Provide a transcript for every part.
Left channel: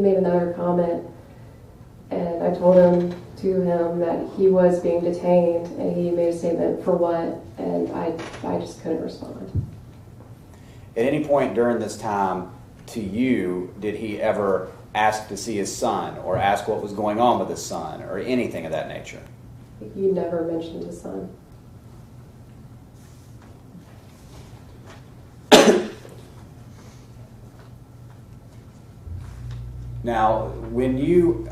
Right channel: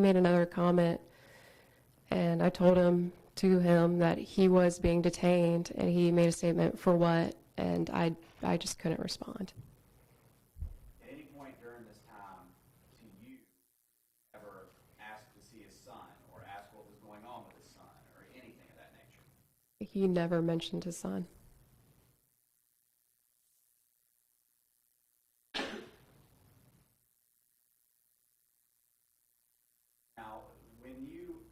made another comment, and I told him that he was being detained, and he made a statement for what, and I just couldn't respond. At any point during this time to you, did he ever ask to see his son or ask what was going on with his son or anything of that nature? He never mentioned his son. Now, when you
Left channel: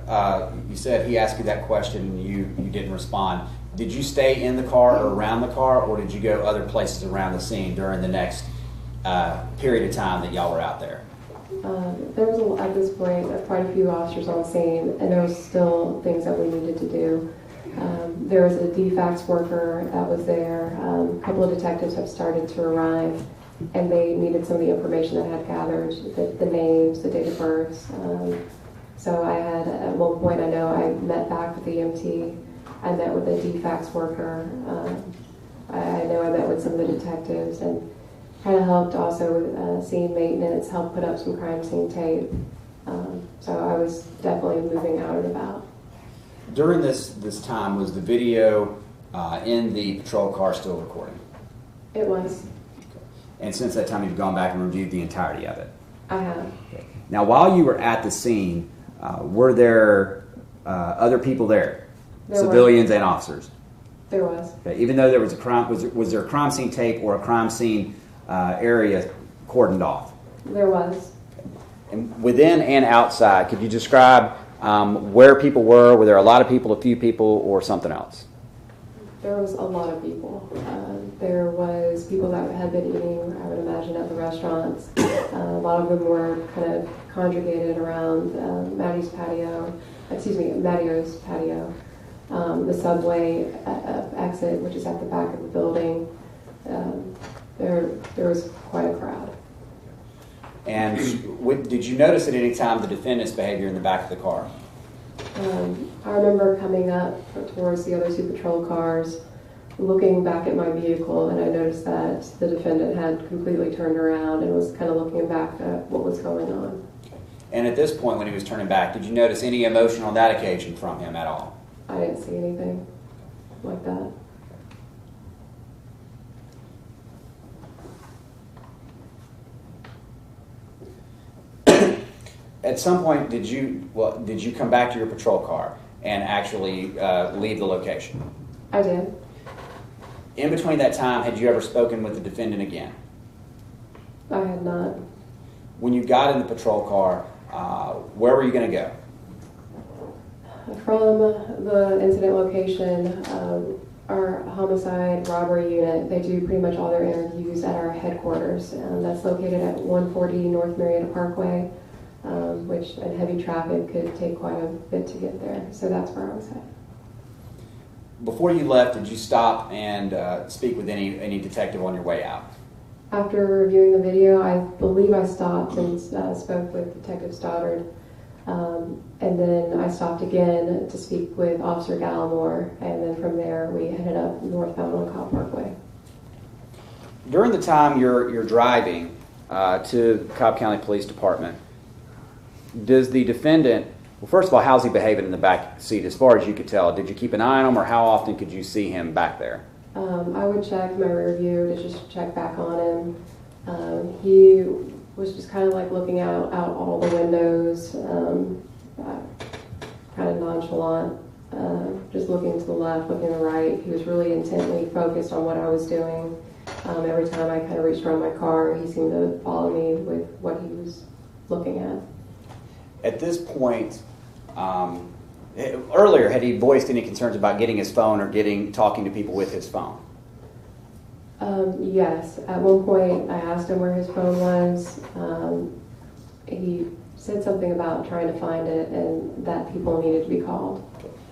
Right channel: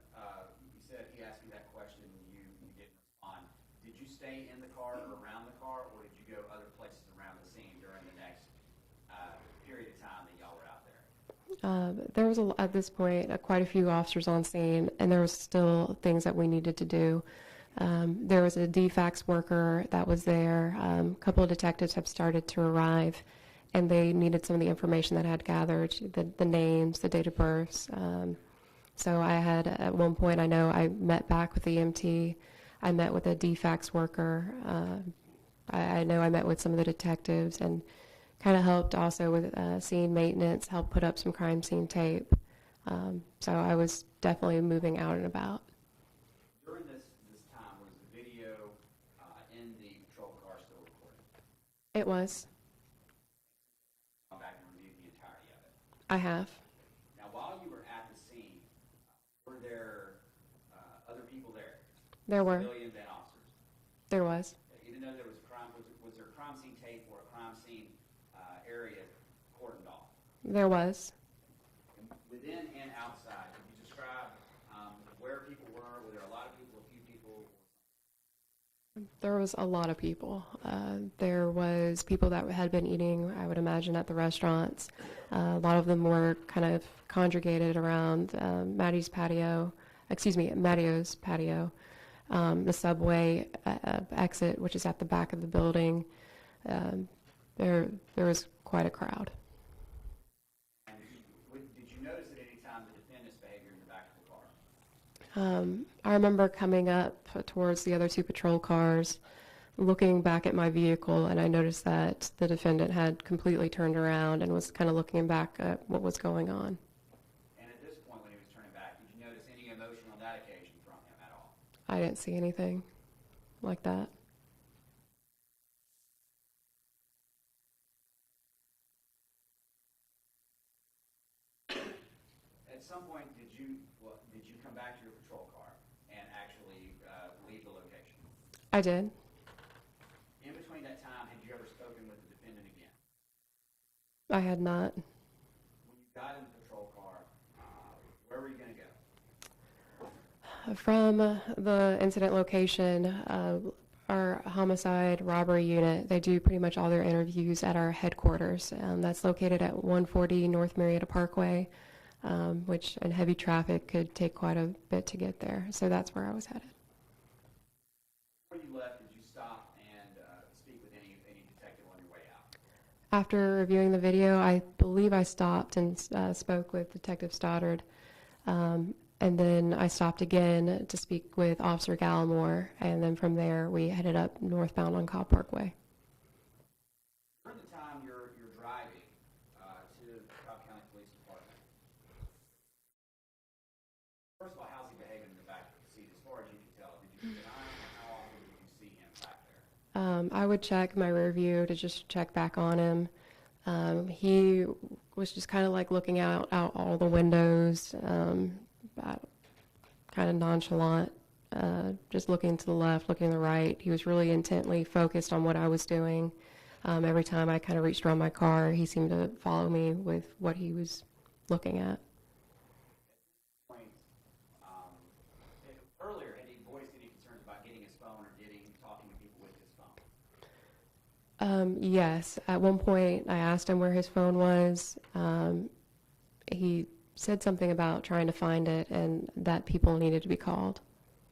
said he asked you that question and you didn't respond, did you stay in the car or around the car, or did you go other places around the scene during the next period of time that y'all were out there? There was, at this point, quite a few officers on scene, and there was still things that we needed to do. There was a DFAX worker that was there. A couple of detectives have started to arrive, and they needed some of the information that I had gathered, the names, the date of births. So I had, at one point, I know I met back with the EMT. I met with a DFAX worker. I know I met with some of the detectives, and kind of helped also with scene maintenance, helped put up some crime scene tape. So I was definitely moving out and about. During this time, was the video in the patrol car still recording? It was. Okay. And since that time, you've gone back and reviewed the entirety of it? I have. Okay. Now, while you were at the scene, were there other people there? Civilians and officers? There was. Okay. Even though there was a crime, was there a crime scene tape or a crime scene area cordoned off? There was. Okay. And within and outside, could you describe where people were? Were there a lot of people, a few people, or something else? There was a lot of people. There was people that had been eating, I would imagine, at the restaurants. A lot of them were kind of congregated around Maddio's patio, the subway exit, which is at the back of the building. There was quite a crowd. And did you notice at any time the defendant's behavior in the back of the car? I remember coming up towards the other two patrol cars, looking back at my vehicle, and I noticed that the defendant had completely turned around and was kind of looking back at what was going on. And at this point, when he was turning back, did you notice any emotion on that occasion from him at all? I didn't see anything like that. At some point, did you come back to your patrol car and actually leave the location? I did. In between that time, had you ever spoken with the defendant again? I had not. When you got in the patrol car, where were you going to go? From the incident location, our homicide robbery unit, they do pretty much all their interviews at our headquarters. That's located at 140 North Marietta Parkway, which in heavy traffic could take quite a bit to get there. So that's where I was headed. Before you left, did you stop and speak with any detective on your way out? After reviewing the video, I believe I stopped and spoke with Detective Stoddard. And then I stopped again to speak with Officer Gallimore, and then from there we headed up northbound on Cobb Parkway. During the time you're driving to Cobb County Police Department, does the defendant, well, first of all, how's he behaving in the back seat as far as you could tell? Did you keep an eye on him, or how often could you see him back there? I would check my rear view to just check back on him. He was just kind of like looking out all the windows, kind of nonchalant, just looking to the left, looking to the right. He was really intently focused on what I was doing. Every time I kind of reached around my car, he seemed to follow me with what he was looking at. At this point, earlier, had he voiced any concerns about getting his phone or talking to people with his phone? Yes. At one point, I asked him where his phone was. He said something about trying to find it and that people needed to be called.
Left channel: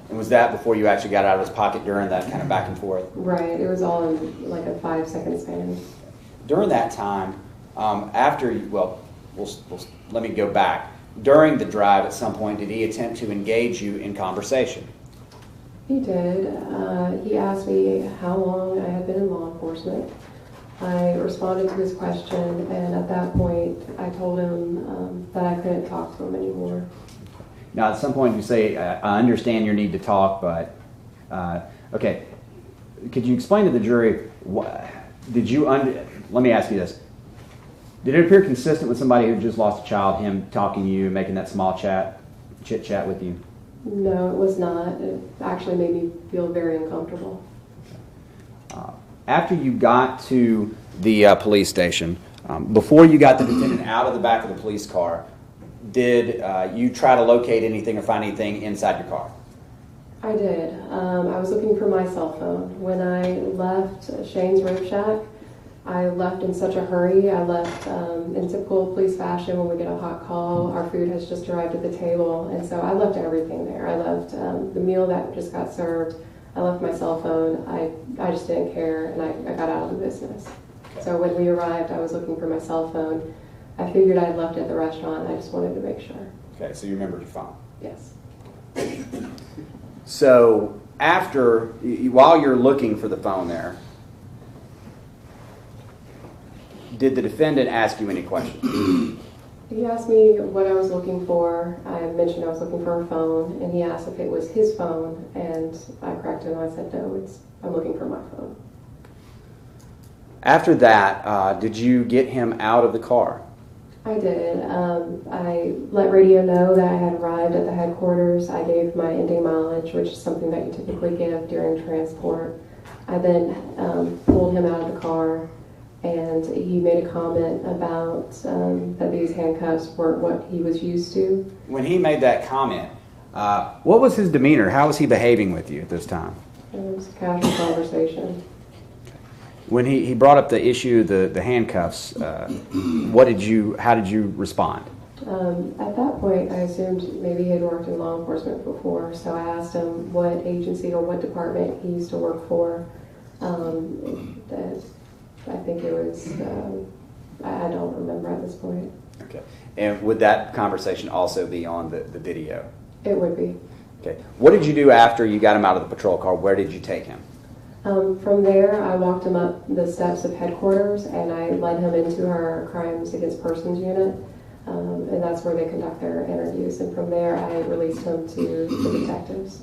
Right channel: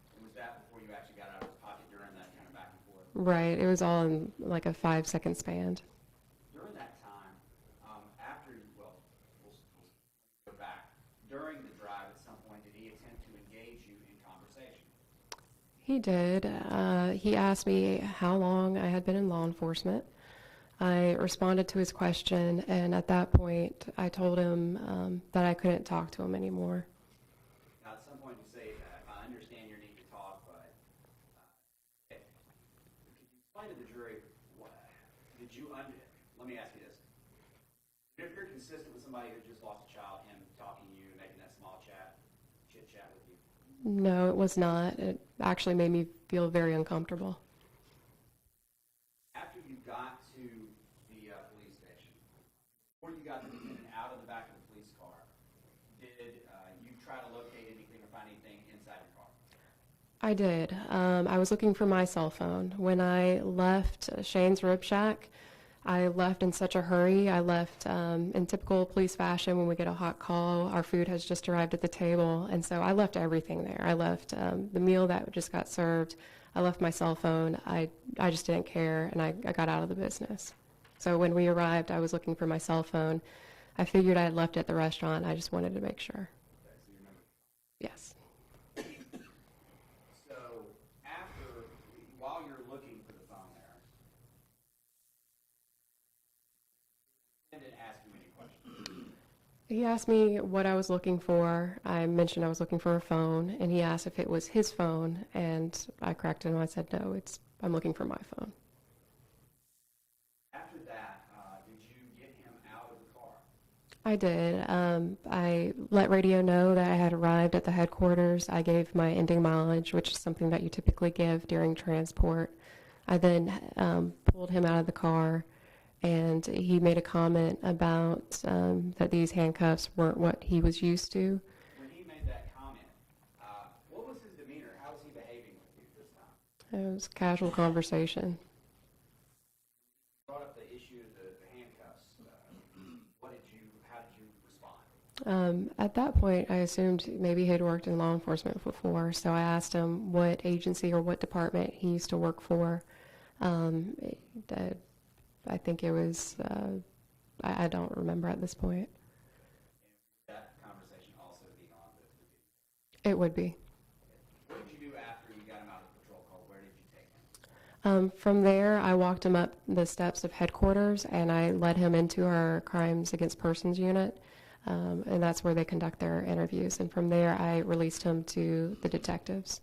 And was that before you actually got out of his pocket during that kind of back and forth? Right. It was all in like a 5-second span. During that time, let me go back. During the drive, at some point, did he attempt to engage you in conversation? He did. He asked me how long I had been in law enforcement. I responded to his question, and at that point, I told him that I couldn't talk to him anymore. Now, at some point, you say, I understand your need to talk, but, okay. Could you explain to the jury, let me ask you this. Did it appear consistent with somebody who just lost a child, him talking to you, making that small chit-chat with you? No, it was not. It actually made me feel very uncomfortable. After you got to the police station, before you got the defendant out of the back of the police car, did you try to locate anything or find anything inside your car? I did. I was looking for my cell phone. When I left Shane's Rib Shack, I left in such a hurry. I left in typical police fashion. When we get a hot call, our food has just arrived at the table, and so I left everything there. I left the meal that just got served. I left my cell phone. I just didn't care, and I got out of the business. Okay. So when we arrived, I was looking for my cell phone. I figured I had left it at the restaurant. I just wanted to make sure. Okay, so you remembered your phone. Yes. So while you're looking for the phone there, did the defendant ask you any questions? He asked me what I was looking for. I mentioned I was looking for a phone, and he asked if it was his phone, and I corrected him. I said, no, I'm looking for my phone. After that, did you get him out of the car? I did. I let radio know that I had arrived at the headquarters. I gave my ending mileage, which is something that you typically give during transport. I then pulled him out of the car, and he made a comment about that these handcuffs weren't what he was used to. When he made that comment, what was his demeanor? How was he behaving with you at this time? It was a casual conversation. When he brought up the issue, the handcuffs, how did you respond? At that point, I assumed maybe he had worked in law enforcement before, so I asked him what agency or what department he used to work for. I think it was, I don't remember at this point. Okay. And would that conversation also be on the video? It would be. Okay. What did you do after you got him out of the patrol car? Where did you take him? From there, I walked him up the steps of headquarters, and I led him into our Crimes Against Persons unit, and that's where they conduct their interviews. And from there, I released him to the detectives.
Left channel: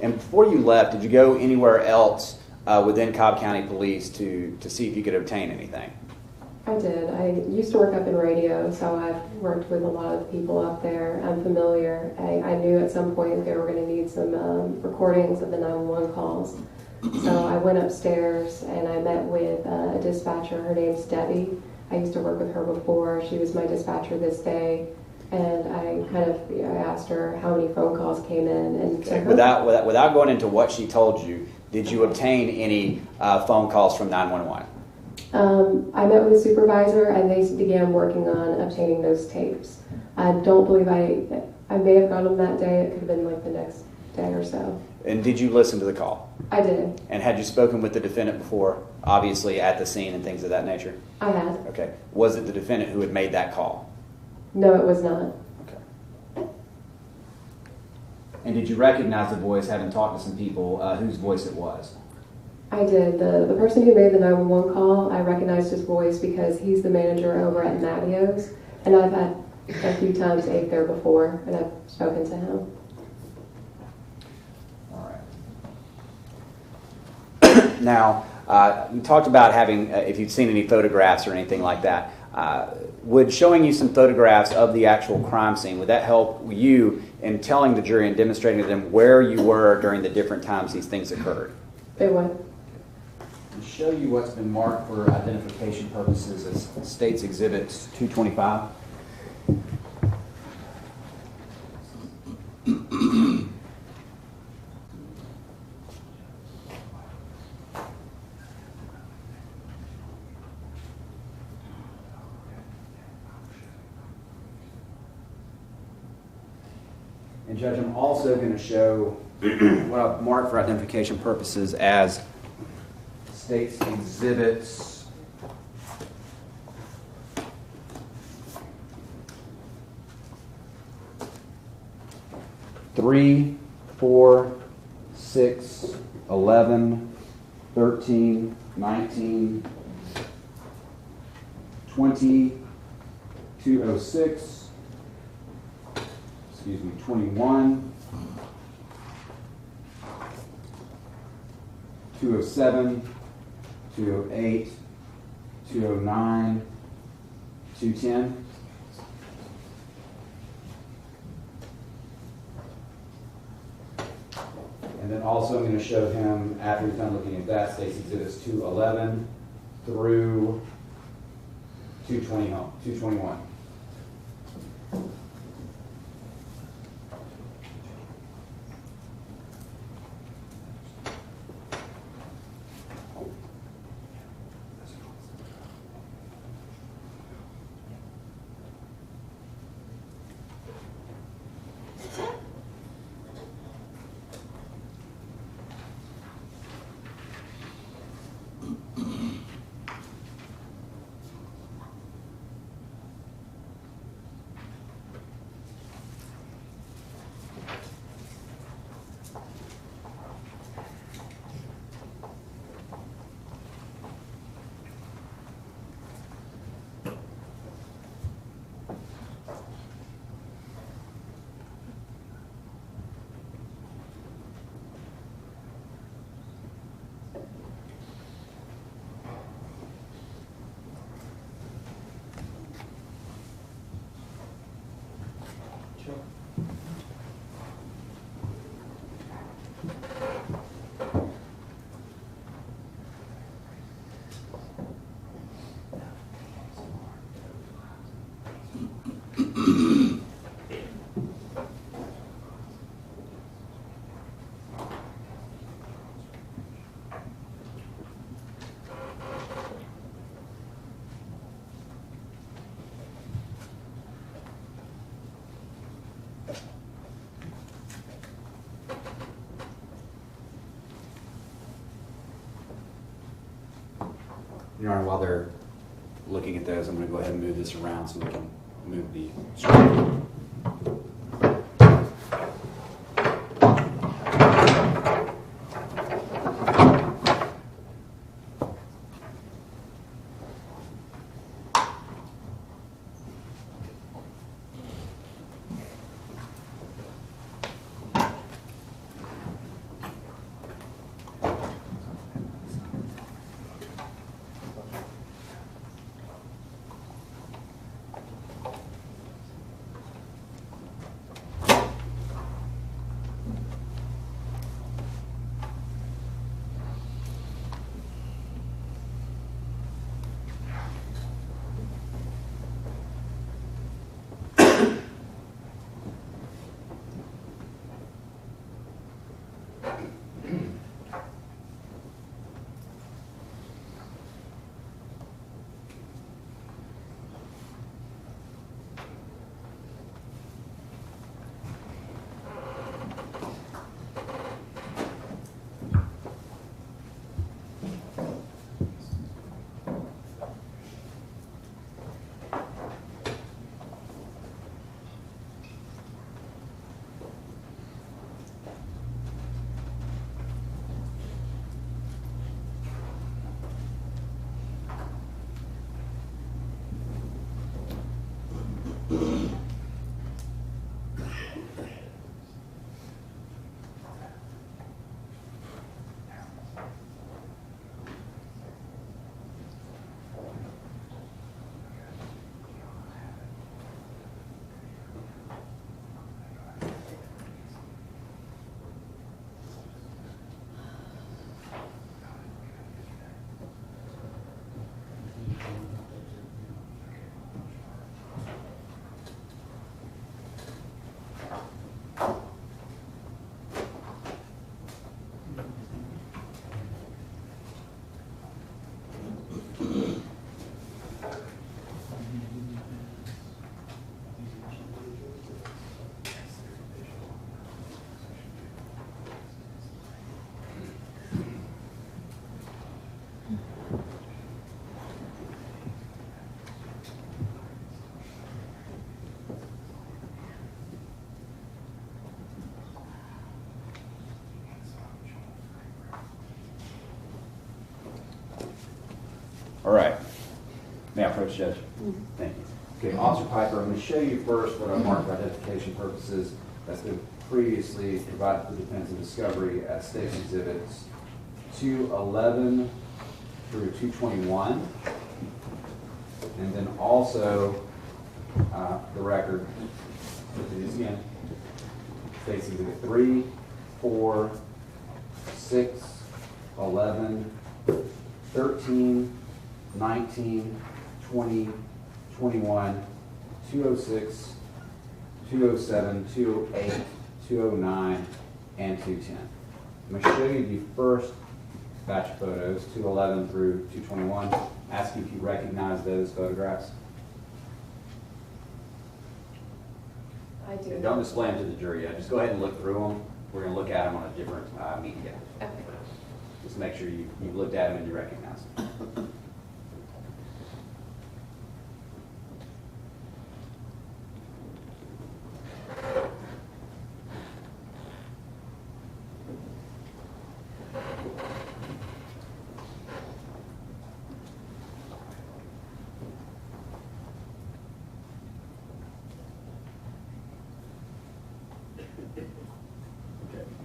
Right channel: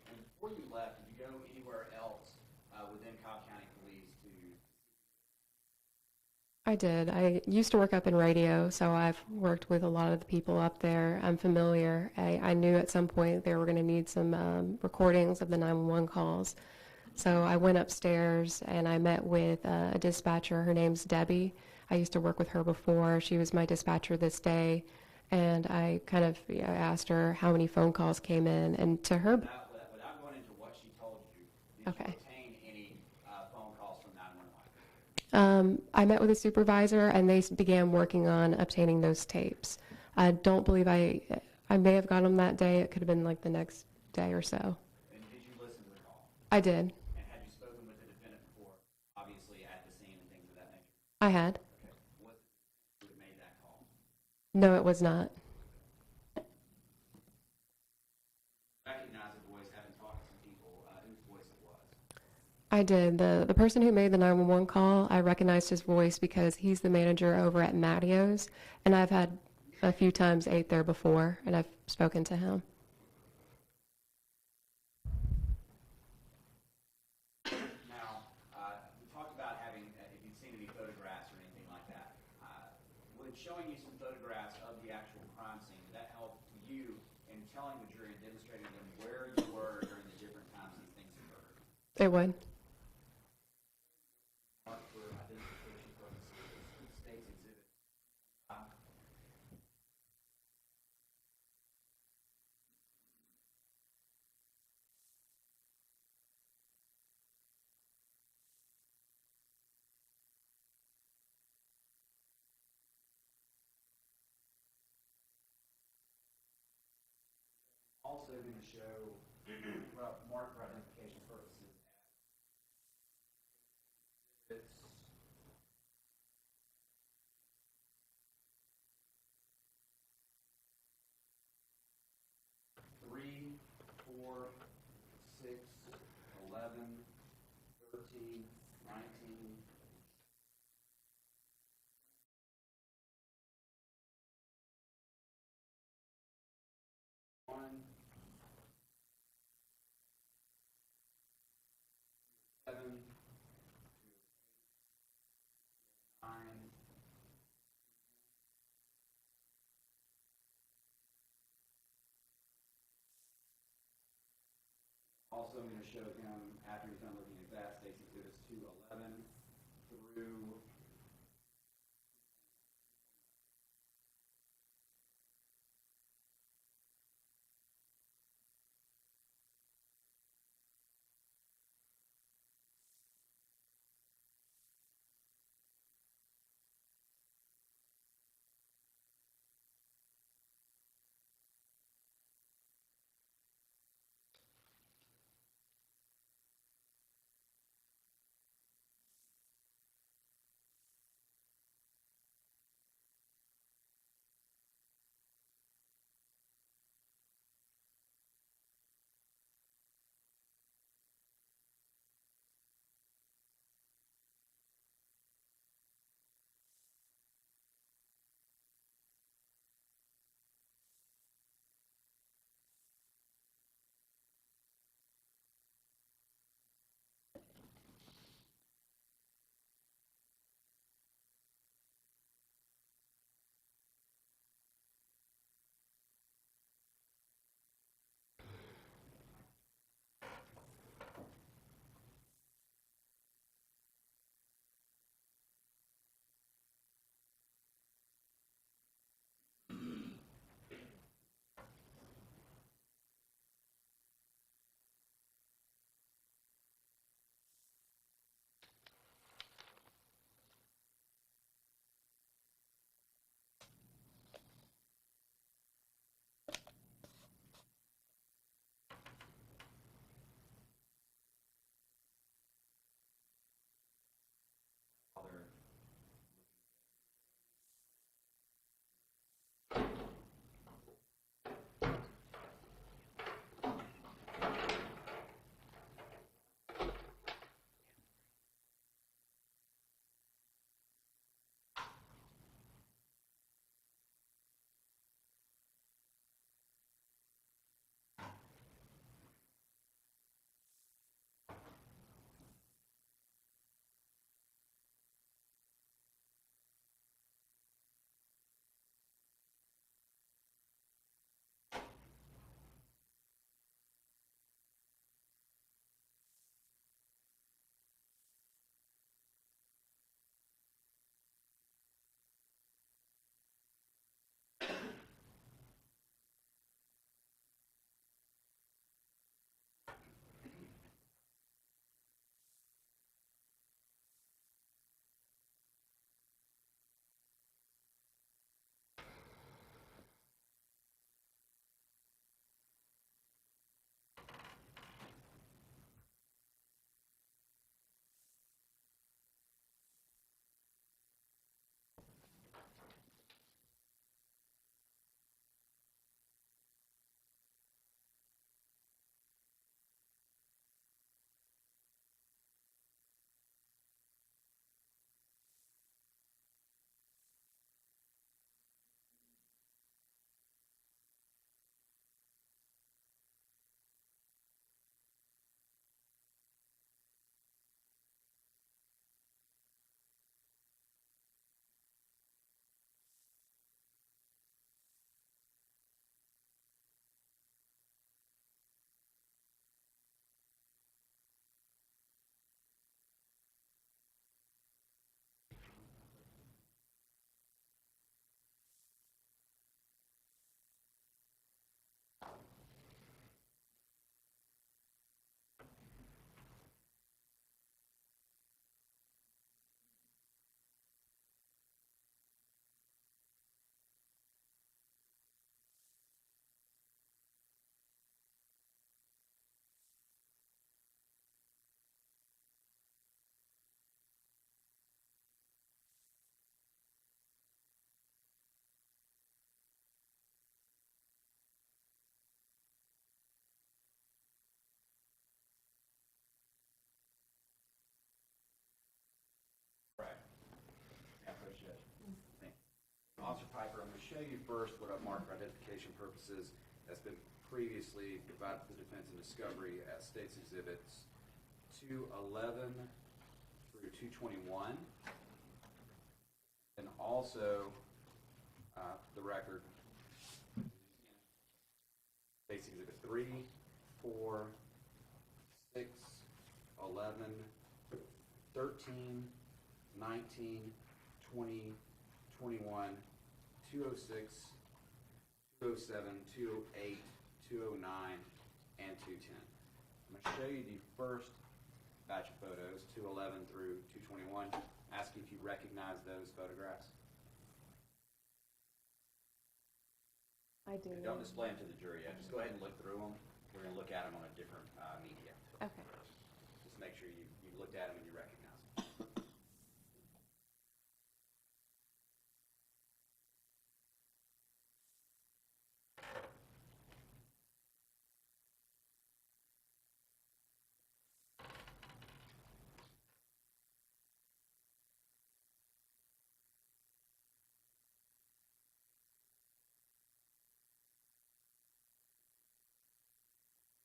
And before you left, did you go anywhere else within Cobb County Police to see if you could obtain anything? I did. I used to work up in radio, so I've worked with a lot of the people up there. I'm familiar. I knew at some point they were going to need some recordings of the 911 calls. So I went upstairs and I met with a dispatcher. Her name's Debbie. I used to work with her before. She was my dispatcher this day. And I asked her how many phone calls came in. And to her, without going into what she told you, did you obtain any phone calls from 911? I met with a supervisor and they began working on obtaining those tapes. I don't believe I may have gotten them that day. It could have been like the next day or so. And did you listen to the call? I did. And had you spoken with the defendant before, obviously at the scene and things of that nature? I had. Okay. Was it the defendant who had made that call? No, it was not. Okay. And did you recognize the voice, having talked to some people, whose voice it was? I did. The person who made the 911 call, I recognized his voice because he's the manager over at Mattio's, and I've had a few times ate there before, and I've spoken to him. Now, you talked about having, if you'd seen any photographs or anything like that. Would showing you some photographs of the actual crime scene, would that help you in telling the jury and demonstrating to them where you were during the different times these things occurred? It would. To show you what's been marked for identification purposes as State's Exhibits 225. And Judge, I'm also going to show what I've marked for identification purposes as State's Exhibits 3, 4, 6, 11, 13, 19, 20, 206, 21, 207, 208, 209, 210. And then also I'm going to show him, after he's done looking at that, State's Exhibits 211 through 221. Your Honor, while they're looking at those, I'm going to go ahead and move this around so we can move the screen. All right. May I approach, Judge? Thank you. Okay, Officer Piper, I'm going to show you first what I marked for identification purposes that's been previously provided to the defense and discovery as State's Exhibits 211 through 221. And then also the record, let's do this again, State's Exhibit 3, 4, 6, 11, 13, 19, 20, 21, 206, 207, 208, 209, and 210. I'm going to show you the first batch of photos, 211 through 221. Ask you if you recognize those photographs. I do. And don't display them to the jury yet. Just go ahead and look through them. We're going to look at them on a different media. Okay. Just make sure you've looked at them and you recognize them.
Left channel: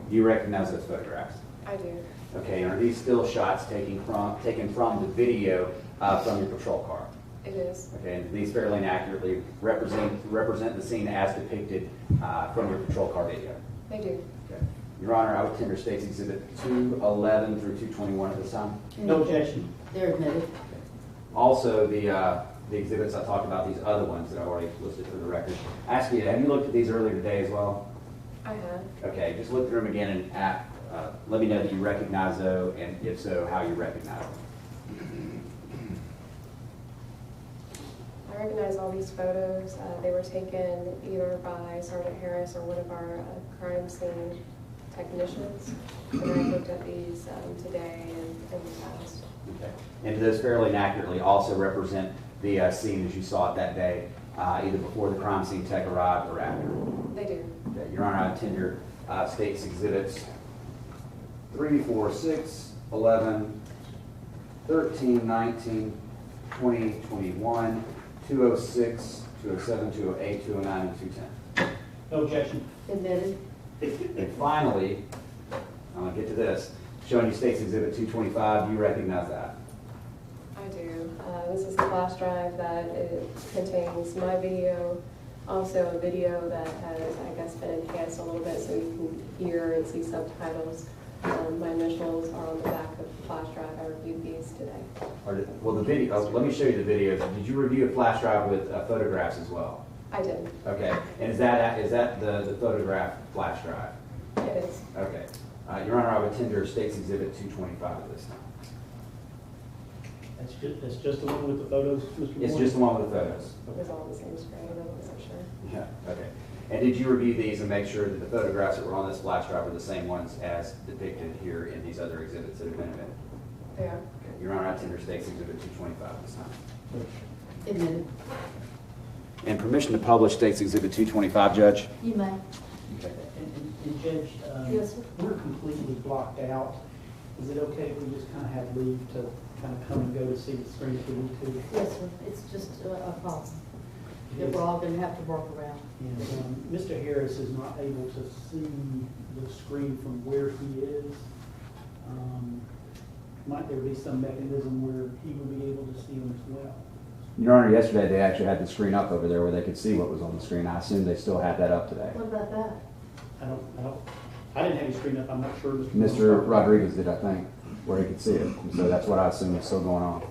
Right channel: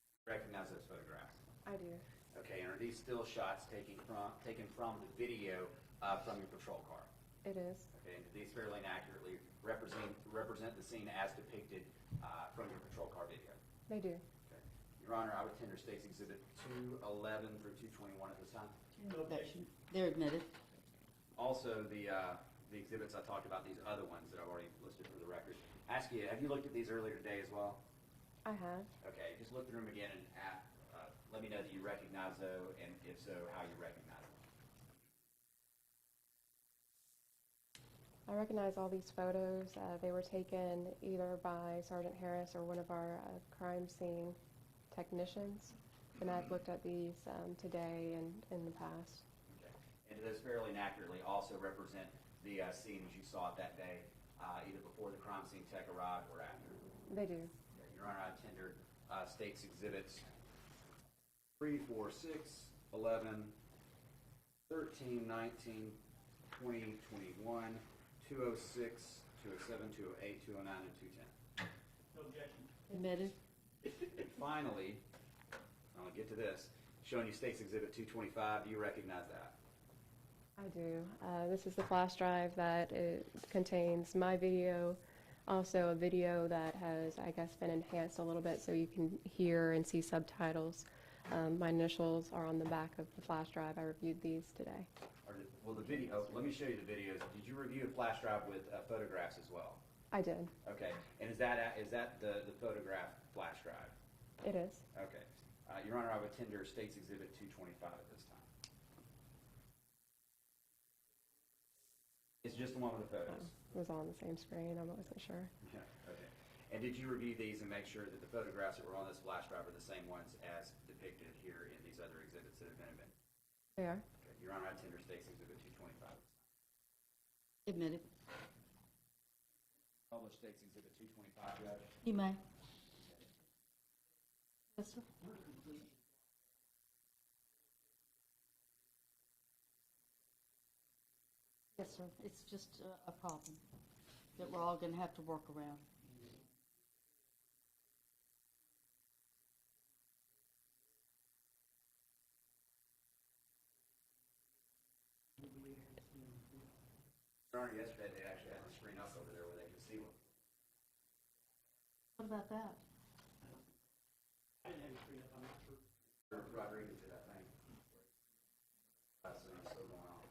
Do you recognize those photographs? I do. Okay, and are these still shots taken from the video from your patrol car? It is. Okay, and these fairly and accurately represent the scene as depicted from your patrol car video? They do. Okay. Your Honor, I would tender State's Exhibit 211 through 221 at this time. No objection. They're admitted. Also, the exhibits I talked about, these other ones that I've already listed for the record. Ask you, have you looked at these earlier today as well? I have. Okay, just look through them again and let me know that you recognize those, and if so, how you recognize them. I recognize all these photos. They were taken either by Sergeant Harris or one of our crime scene technicians. And I looked at these today and in the past. Okay. And those fairly and accurately also represent the scene as you saw it that day, either before the crime scene tech arrived or after. They do. Okay. Your Honor, I tender State's Exhibits 3, 4, 6, 11, 13, 19, 20, 21, 206, 207, 208, 209, and 210. No objection. Admitted. And finally, I'm going to get to this, showing you State's Exhibit 225. Do you recognize that? I do. This is the flash drive that it contains my video, also a video that has, I guess, been enhanced a little bit so you can hear and see subtitles. My initials are on the back of the flash drive. I reviewed these today. Well, the video, let me show you the videos. Did you review a flash drive with photographs as well? I did. Okay. And is that the photograph flash drive? It is. Okay. Your Honor, I would tender State's Exhibit 225 at this time. That's just the one with the photos, Mr. Moore? It's just the one with the photos. It was all on the same screen, I wasn't sure. Yeah, okay. And did you review these and make sure that the photographs that were on this flash drive are the same ones as depicted here in these other exhibits that have been admitted? They are. Okay. Your Honor, I tender State's Exhibit 225 at this time. Admitted. And permission to publish State's Exhibit 225, Judge? You may. Okay. And Judge, Yes, sir. we're completely blocked out. Is it okay if we just kind of have leave to kind of come and go to see the screen if we need to? Yes, sir. It's just a problem that we're all going to have to work around. And Mr. Harris is not able to see the screen from where he is. Might there be some mechanism where he would be able to see them as well? Your Honor, yesterday they actually had the screen up over there where they could see what was on the screen. I assume they still have that up today. What about that? I didn't have his screen up. I'm not sure. Mr. Rodriguez did, I think, where he could see it. So that's what I assume is still going on.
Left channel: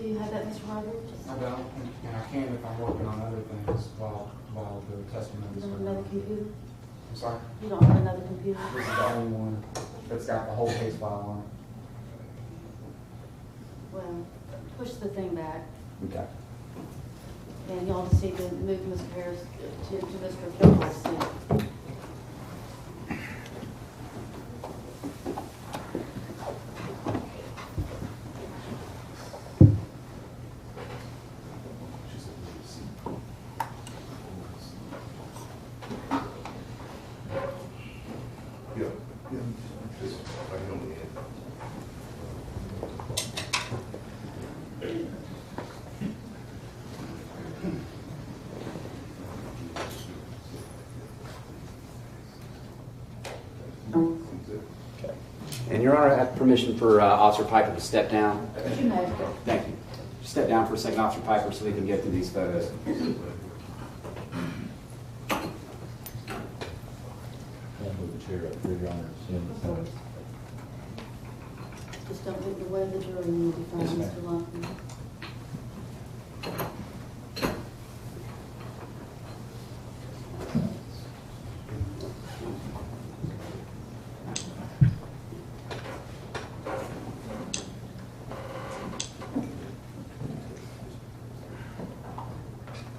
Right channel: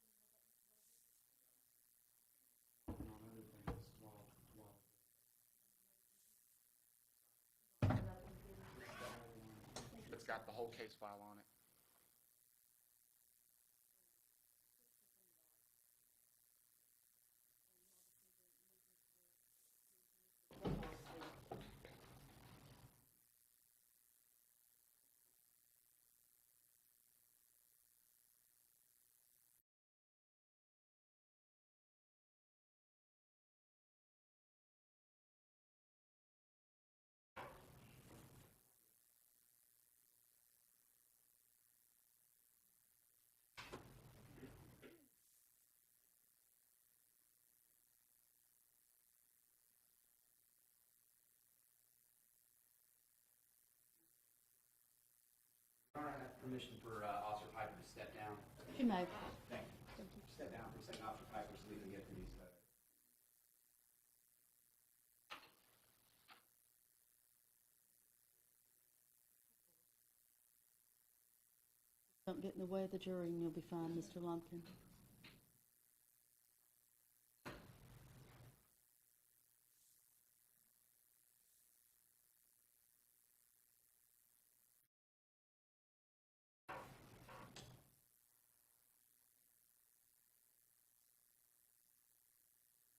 Do you have that, Mr. Rodriguez? I don't, and I can if I'm working on other things while the testimony You is don't have going another on. computer? I'm sorry, You don't have another computer? this is the only one that's got the whole case file on it. Well, push the thing back, Okay. and y'all just need to move Mr. Harris to Mr. Gilmore's seat. And Your Honor, I have permission for Officer Piper to step down. You know, Thank you. Step down for a second, Officer Piper, so we can get through these photos. just don't get in the way of the jury when you find Yes, ma'am. Mr. Lockwood.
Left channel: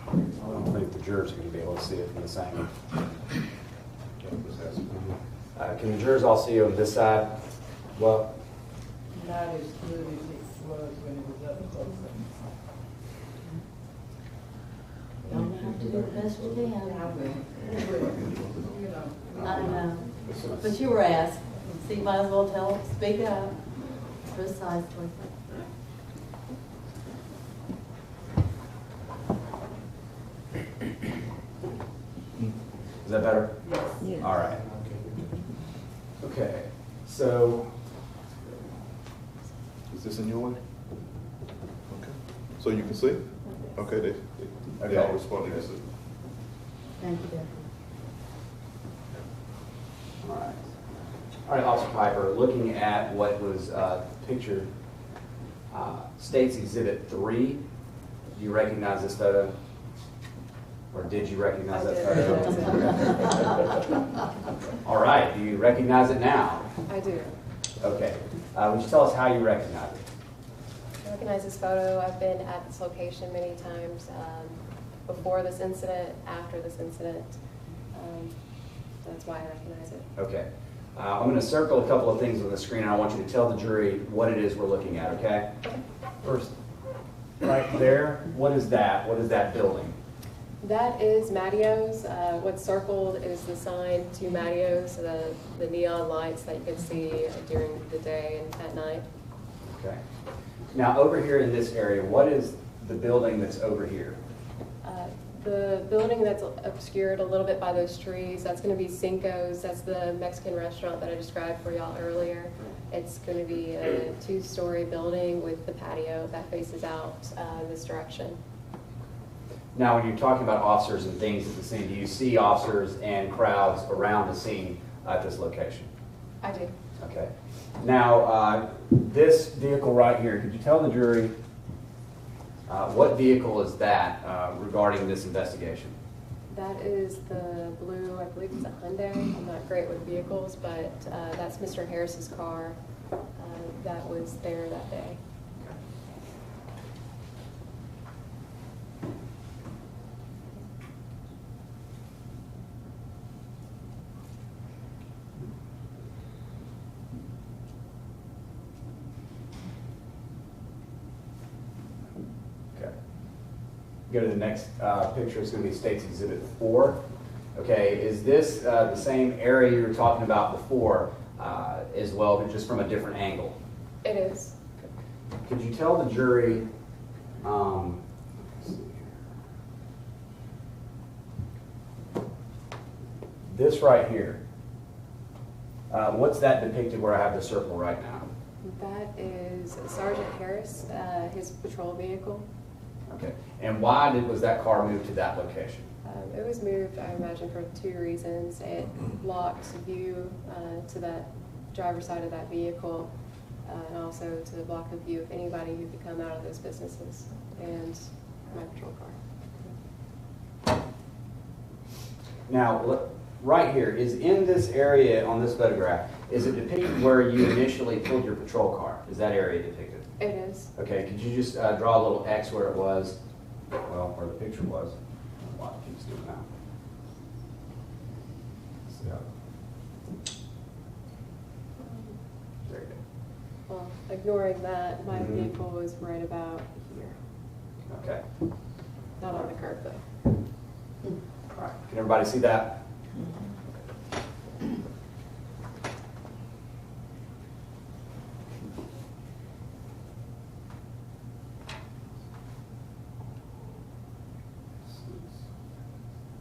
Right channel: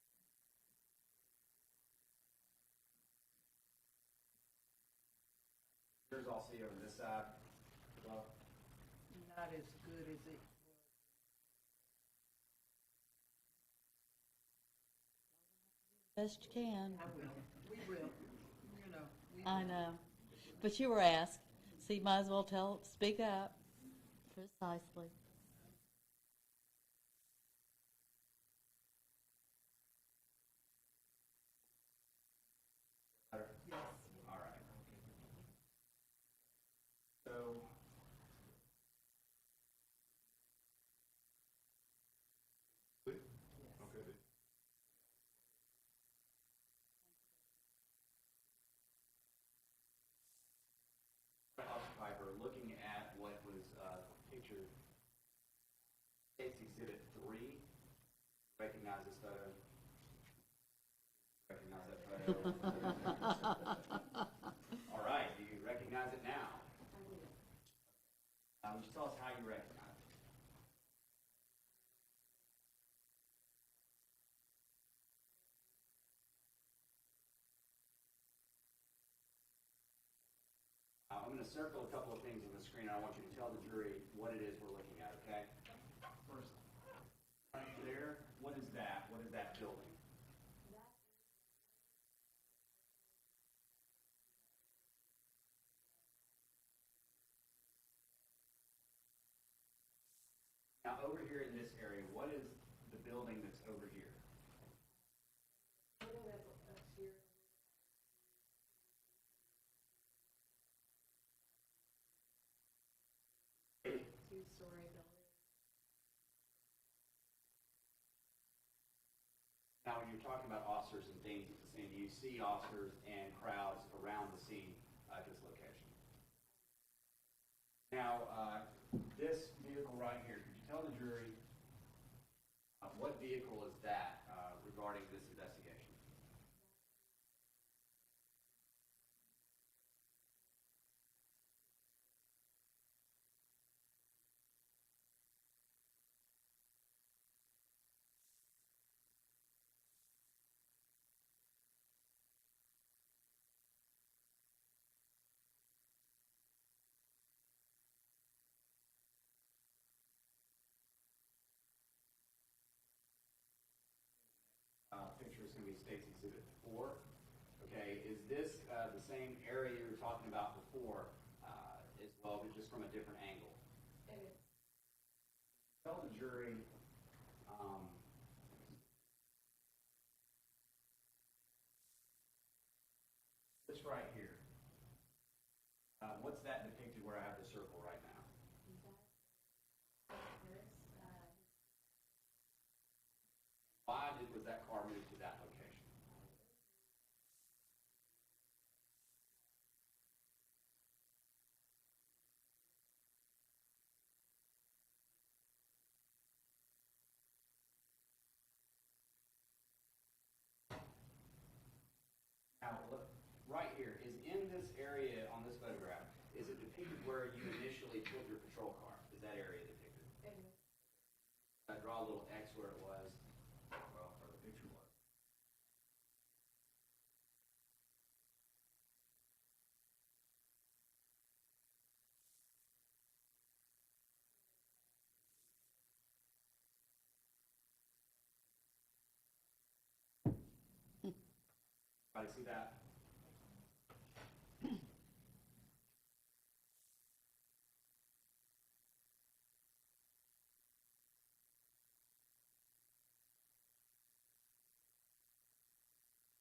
I don't think the jurors are going to be able to see it from this angle. Can the jurors all see you on this side? Well, Not as good as it was when it was up close. Y'all have to do the best you can. I know, but you were asked, so you might as well tell, speak up. Precisely. is that better? Yes. All right. Okay, so Is this in your way? Okay. So you can see? Okay, they all responded. Yes, sir. Thank you, Deputy. All right. All right, Officer Piper, looking at what was pictured, State's Exhibit 3, do you recognize this photo? Or did you recognize that photo? All right, do you recognize it now? I do. Okay. Would you tell us how you recognize it? I recognize this photo. I've been at this location many times before this incident, after this incident. That's why I recognize it. Okay. I'm going to circle a couple of things on the screen, and I want you to tell the jury what it is we're looking at, okay? First, right there, what is that? What is that building? That is Mattio's. What's circled is the sign to Mattio's, the neon lights that you can see during the day and at night. Okay. Now, over here in this area, what is the building that's over here? The building that's obscured a little bit by those trees, that's going to be Cinco's. That's the Mexican restaurant that I described for y'all earlier. It's going to be a 2-story building with the patio that faces out this direction. Now, when you're talking about officers and things at the scene, do you see officers and crowds around the scene at this location? I do. Okay. Now, this vehicle right here, could you tell the jury what vehicle is that regarding this investigation? That is the blue, I believe it's a Hyundai. I'm not great with vehicles, but that's Mr. Harris's car that was there that day. Go to the next picture. It's going to be State's Exhibit 4. Okay, is this the same area you were talking about before as well, but just from a different angle? It is. Could you tell the jury, this right here, what's that depicted where I have the circle right now? That is Sergeant Harris, his patrol vehicle. Okay, and why was that car moved to that location? It was moved, I imagine, for 2 reasons. It blocked view to that driver's side of that vehicle, and also to block the view of anybody who could come out of those businesses, and my patrol car. Now, right here, is in this area on this photograph, is it depicted where you initially pulled your patrol car? Is that area depicted? It is. Okay, could you just draw a little X where it was, well, where the picture was? A lot of keeps doing that. There you go. Well, ignoring that, my Mhm. vehicle was right about here. Okay, Not on the curb, though. all right. Can everybody see that?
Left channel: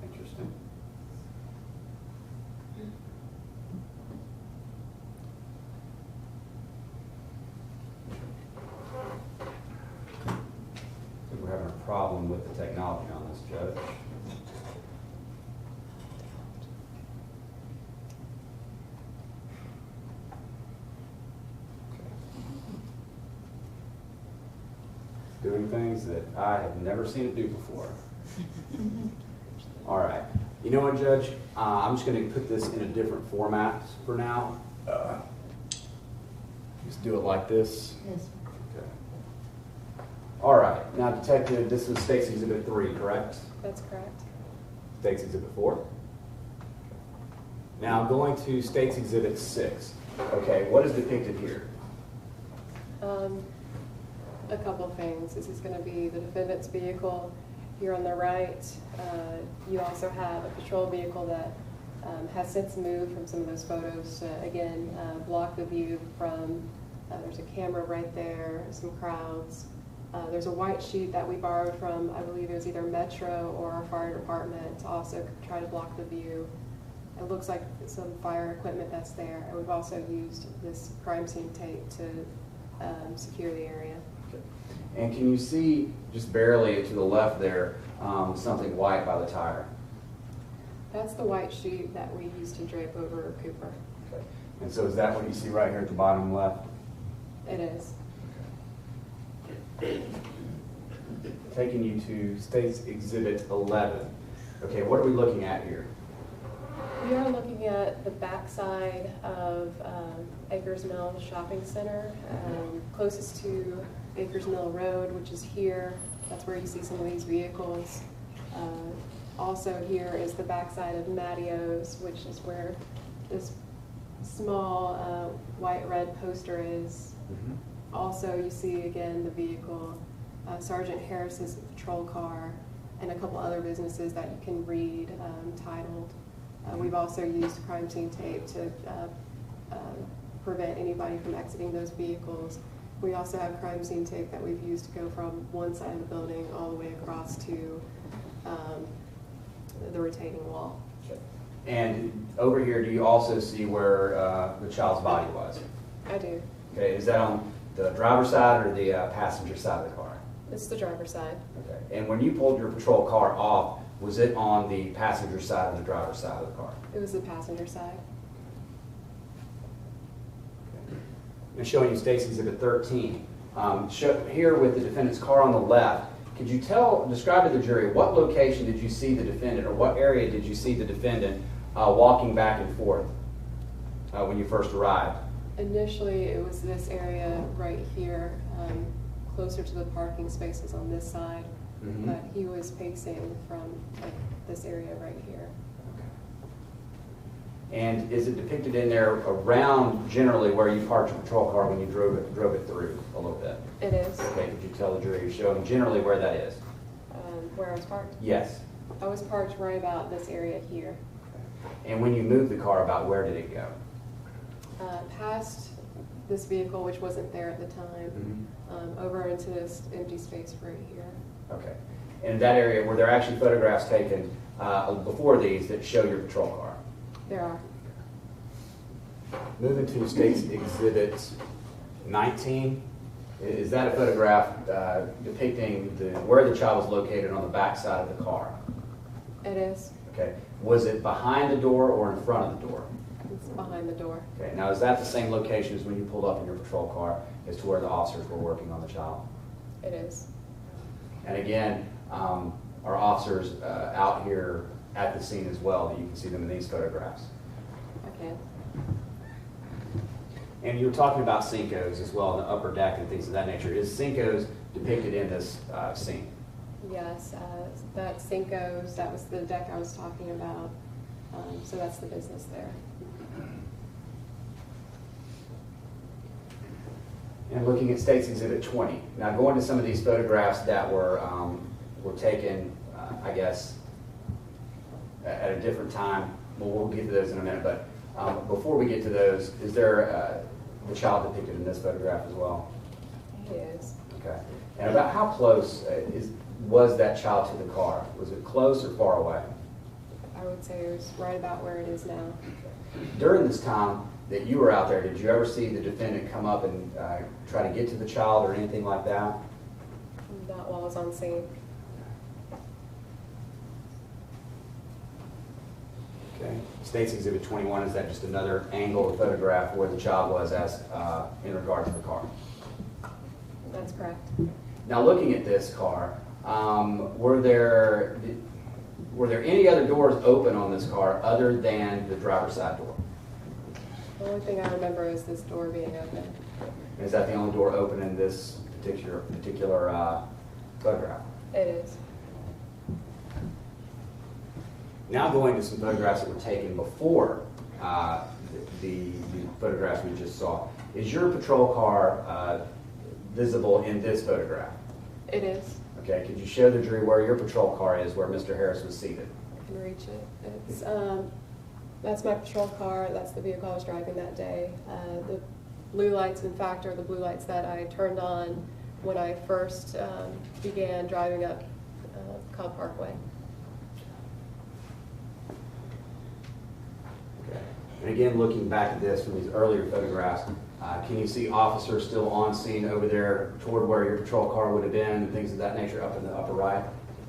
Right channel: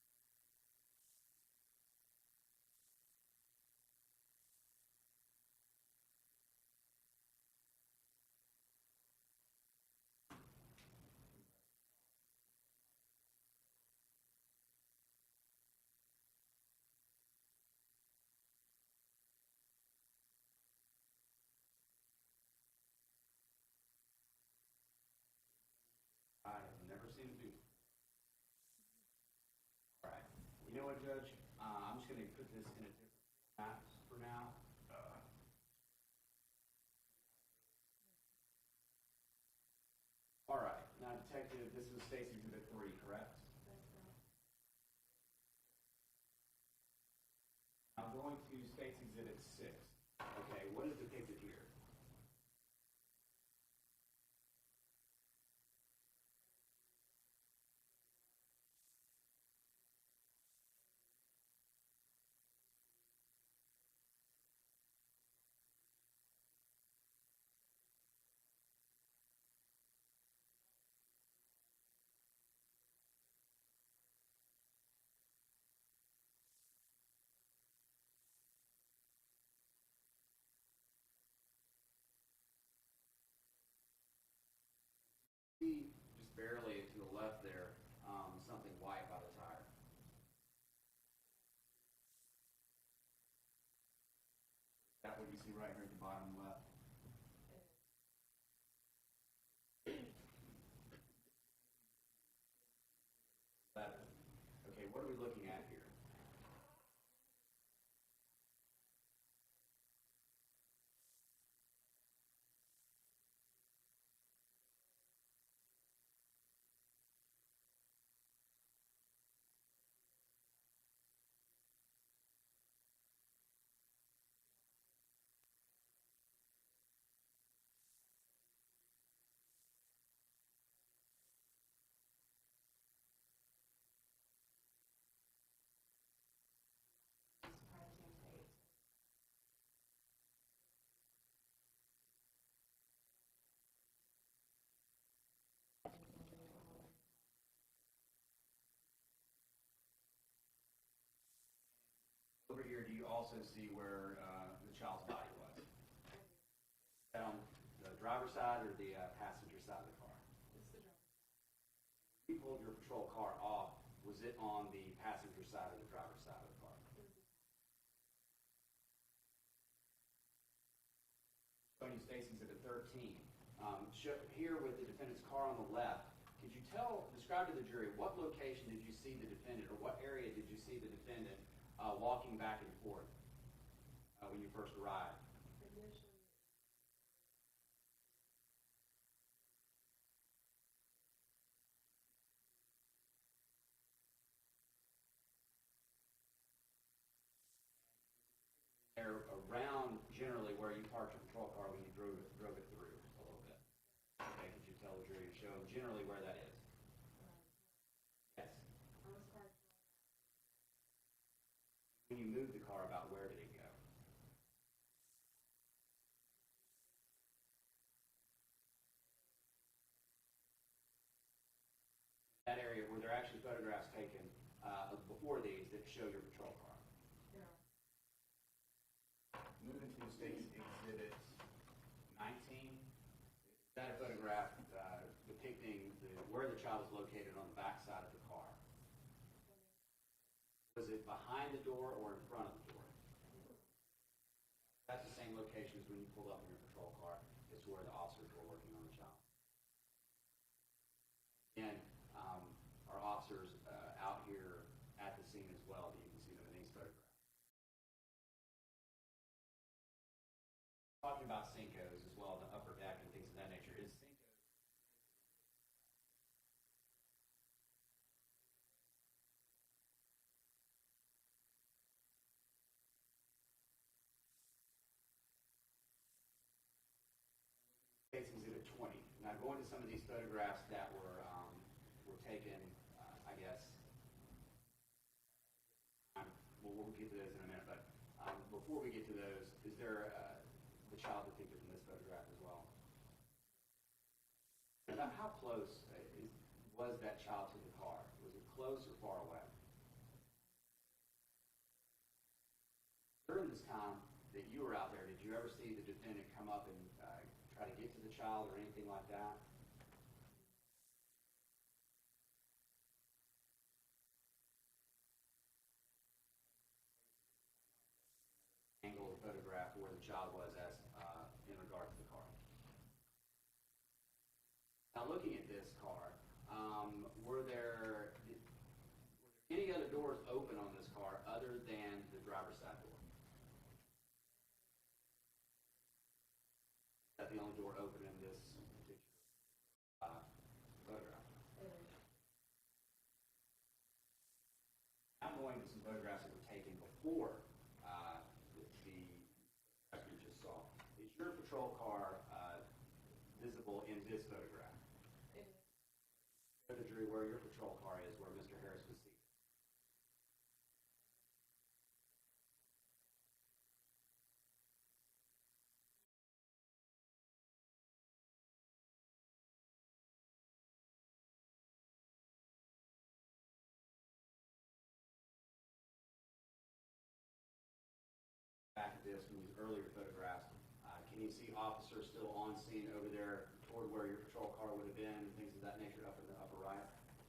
Interesting. doing things that I have never seen it do before. All right. You know what, Judge? I'm just going to put this in a different format for now. Just do it like this. Yes. Okay. All right. Now, Detective, this was State's Exhibit 3, correct? That's correct. State's Exhibit 4. Now, going to State's Exhibit 6. Okay, what is depicted here? A couple things. This is going to be the defendant's vehicle here on the right. You also have a patrol vehicle that has since moved from some of those photos to, again, block the view from, there's a camera right there, some crowds. There's a white sheet that we borrowed from, I believe it was either Metro or our fire department to also try to block the view. It looks like some fire equipment that's there. And we've also used this crime scene tape to secure the area. And can you see, just barely to the left there, something white by the tire? That's the white sheet that we used to drape over Cooper. Okay. And so is that what you see right here at the bottom left? It is. Taking you to State's Exhibit 11. Okay, what are we looking at here? We are looking at the backside of Acres Mill Shopping Center, closest to Acres Mill Road, which is here. That's where you see some of these vehicles. Also here is the backside of Mattio's, which is where this small white-red poster is. Also, you see again the vehicle, Sergeant Harris's patrol car, and a couple other businesses that you can read titled. We've also used crime scene tape to prevent anybody from exiting those vehicles. We also have crime scene tape that we've used to go from one side of the building all the way across to the retaining wall. And over here, do you also see where the child's body was? I do. Okay, is that on the driver's side or the passenger side of the car? It's the driver's side. Okay. And when you pulled your patrol car off, was it on the passenger side or the driver's side of the car? It was the passenger side. I'm showing you State's Exhibit 13. Here with the defendant's car on the left, could you describe to the jury what location did you see the defendant, or what area did you see the defendant walking back and forth when you first arrived? Initially, it was this area right here, closer to the parking spaces on this side, but he was pacing from like this area right here. And is it depicted in there around generally where you parked your patrol car when you drove it through a little bit? It is. Okay, could you tell the jury you're showing generally where that is? Where I was parked. Yes. I was parked right about this area here. And when you moved the car, about where did it go? Past this vehicle, which wasn't there at the time, over into this empty space right here. Okay. And in that area, were there actually photographs taken before these that show your patrol car? There are. Moving to State's Exhibit 19, is that a photograph depicting where the child was located on the back side of the car? It is. Okay. Was it behind the door or in front of the door? It's behind the door. Okay. Now, is that the same location as when you pulled up in your patrol car as to where the officers were working on the child? It is. And again, our officers out here at the scene as well, that you can see them in these photographs. I can. And you were talking about Cinco's as well, in the upper deck and things of that nature. Is Cinco's depicted in this scene? Yes, that Cinco's, that was the deck I was talking about. So that's the business there. And looking at State's Exhibit 20. Now going to some of these photographs that were taken, I guess, at a different time. Well, we'll get to those in a minute, but before we get to those, is there the child depicted in this photograph as well? He is. Okay. And about how close was that child to the car? Was it close or far away? I would say it was right about where it is now. During this time that you were out there, did you ever see the defendant come up and try to get to the child or anything like that? Not while I was on scene. Okay. State's Exhibit 21, is that just another angle of photograph where the child was as in regard to the car? That's correct. Now, looking at this car, were there any other doors open on this car other than the driver's side door? The only thing I remember is this door being open. Is that the only door open in this particular photograph? It is. Now going to some photographs that were taken before the photographs we just saw. Is your patrol car visible in this photograph? It is. Okay, could you show the jury where your patrol car is, where Mr. Harris was seated? I can reach it. It's, that's my patrol car. That's the vehicle I was driving that day. The blue lights, in fact, are the blue lights that I turned on when I first began driving up Cobb Parkway. Okay. And again, looking back at this from these earlier photographs, can you see officers still on scene over there toward where your patrol car would have been and things of that nature up in the upper right?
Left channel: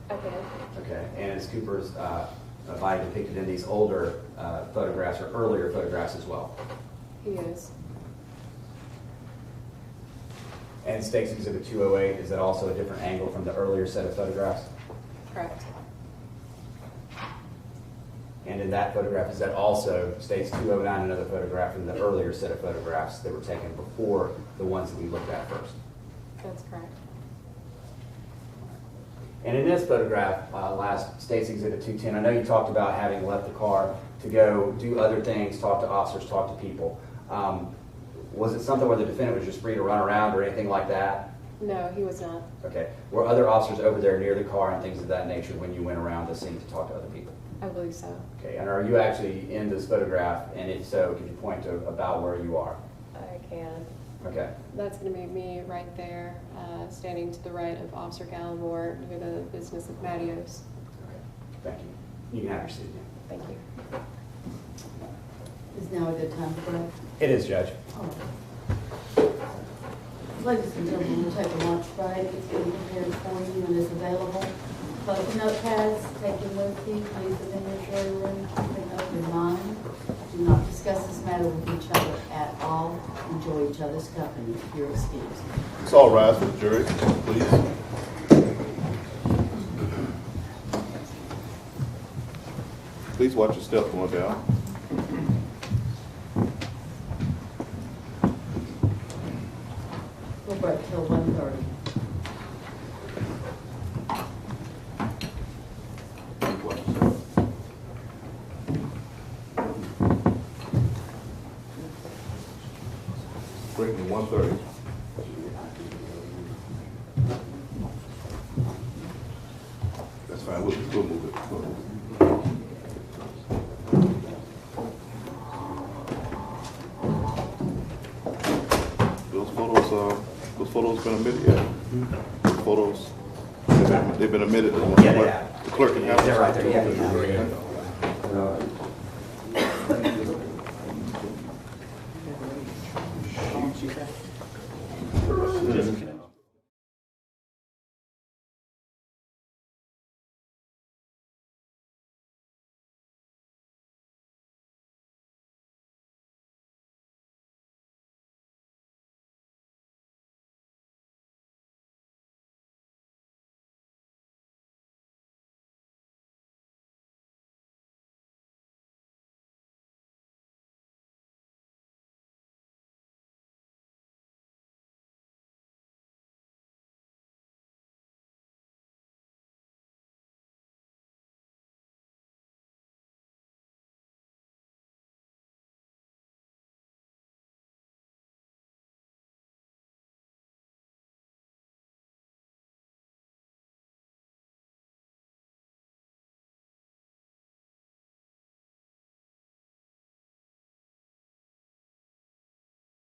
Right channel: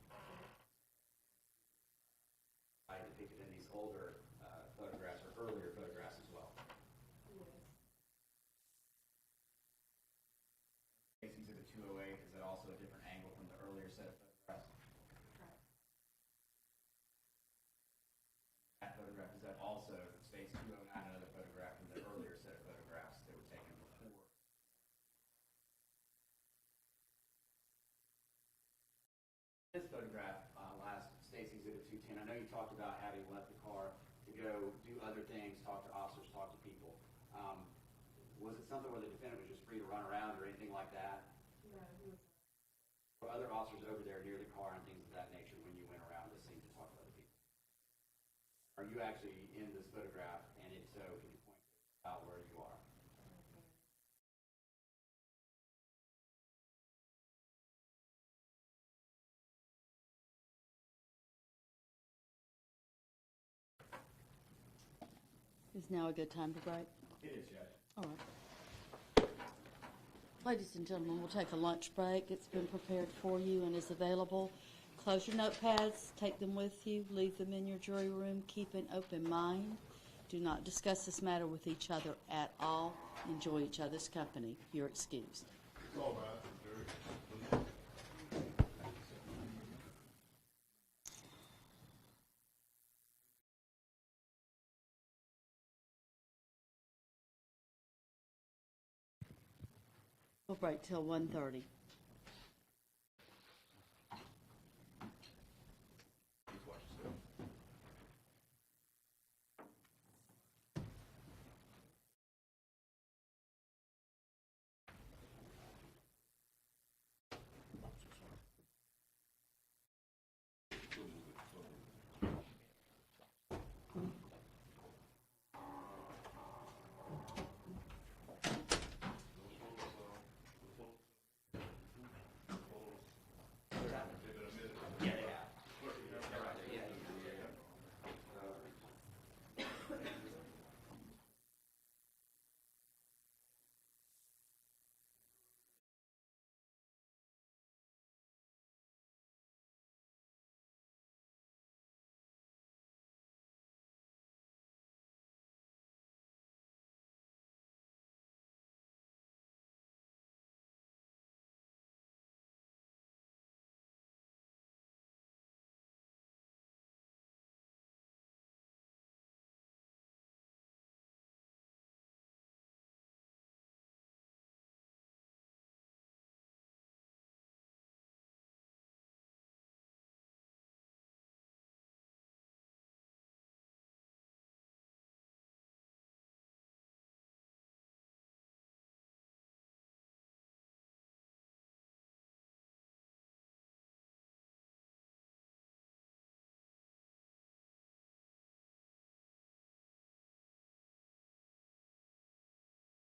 I can. Okay, and is Cooper's body depicted in these older photographs or earlier photographs as well? He is. And State's Exhibit 208, is that also a different angle from the earlier set of photographs? Correct. And in that photograph, is that also State's 209, another photograph from the earlier set of photographs that were taken before the ones that we looked at first? That's correct. And in this photograph, last State's Exhibit 210, I know you talked about having left the car to go do other things, talk to officers, talk to people. Was it something where the defendant was just free to run around or anything like that? No, he was not. Okay. Were other officers over there near the car and things of that nature when you went around the scene to talk to other people? I believe so. Okay. And are you actually in this photograph? And if so, could you point to about where you are? I can. Okay. That's going to be me right there, standing to the right of Officer Gallimore near the business of Mattios. Okay. Thank you. You can have your seat again. Thank you. Is now a good time for break? It is, Judge. Ladies and gentlemen, we'll take a lunch break. It's being prepared for you and is available. Close notepads, take them with you, leave them in your jury room, keep an open mind. Do not discuss this matter with each other at all. Enjoy each other's company. You're excused. Let's all rise for the jury, please. Please watch your step going down. We'll break till 1:30. Breaking 1:30. That's fine. We'll move it. We'll move it. Those photos been omitted yet? Those photos, they've been omitted. Yeah, they have. The clerk can have them. They're right there. Yeah.